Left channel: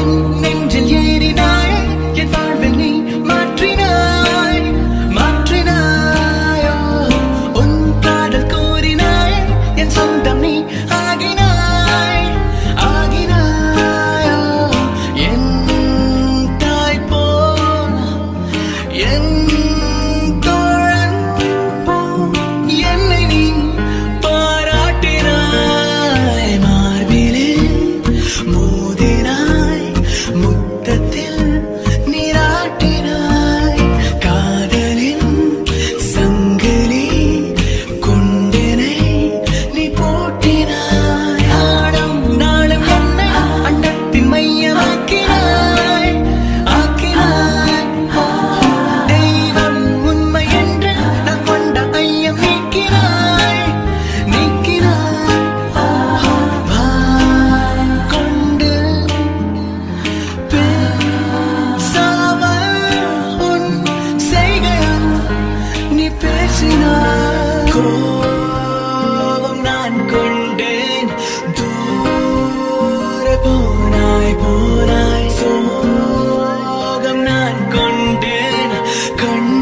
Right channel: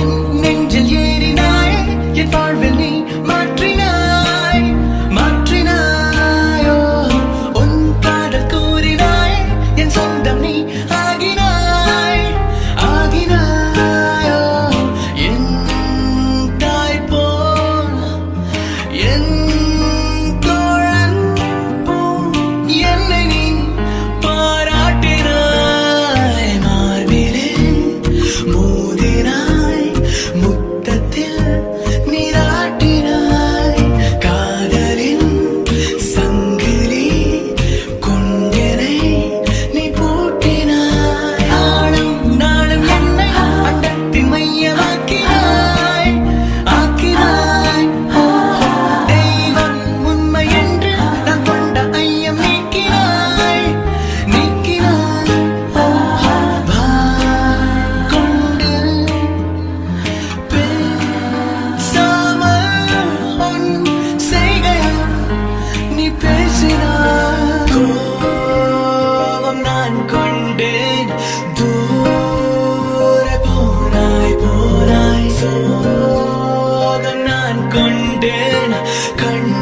என் நெஞ்சில் ஏறினாய், என் வாழ்வில் நீ மாற்றினாயோ, உன் காதல் கூறினாய், என் சொந்தம் நீ ஆகினாயோ, என் தாய் போல் என் தோழன் போல் என்னை நீ பாராட்டினாய், மார்பிலே மோதினாய், முத்தத்தில் நீராட்டினாய், காதலின் சங்கிலி கொண்டனை நீ பூட்டினாய், நாளும் என்னை அண்டத்தின் மையமாக்கினாய், தெய்வம் உண்மை என்று நான் கொண்ட ஐயம் நீக்கினாய், வாய் கொண்டு பேசாமல் உன் செய்கையால் நீ பேசினாய், கோபம் நான் கொண்டேன், தூர போனாய், சோகம் நான் கொண்டேன், கண்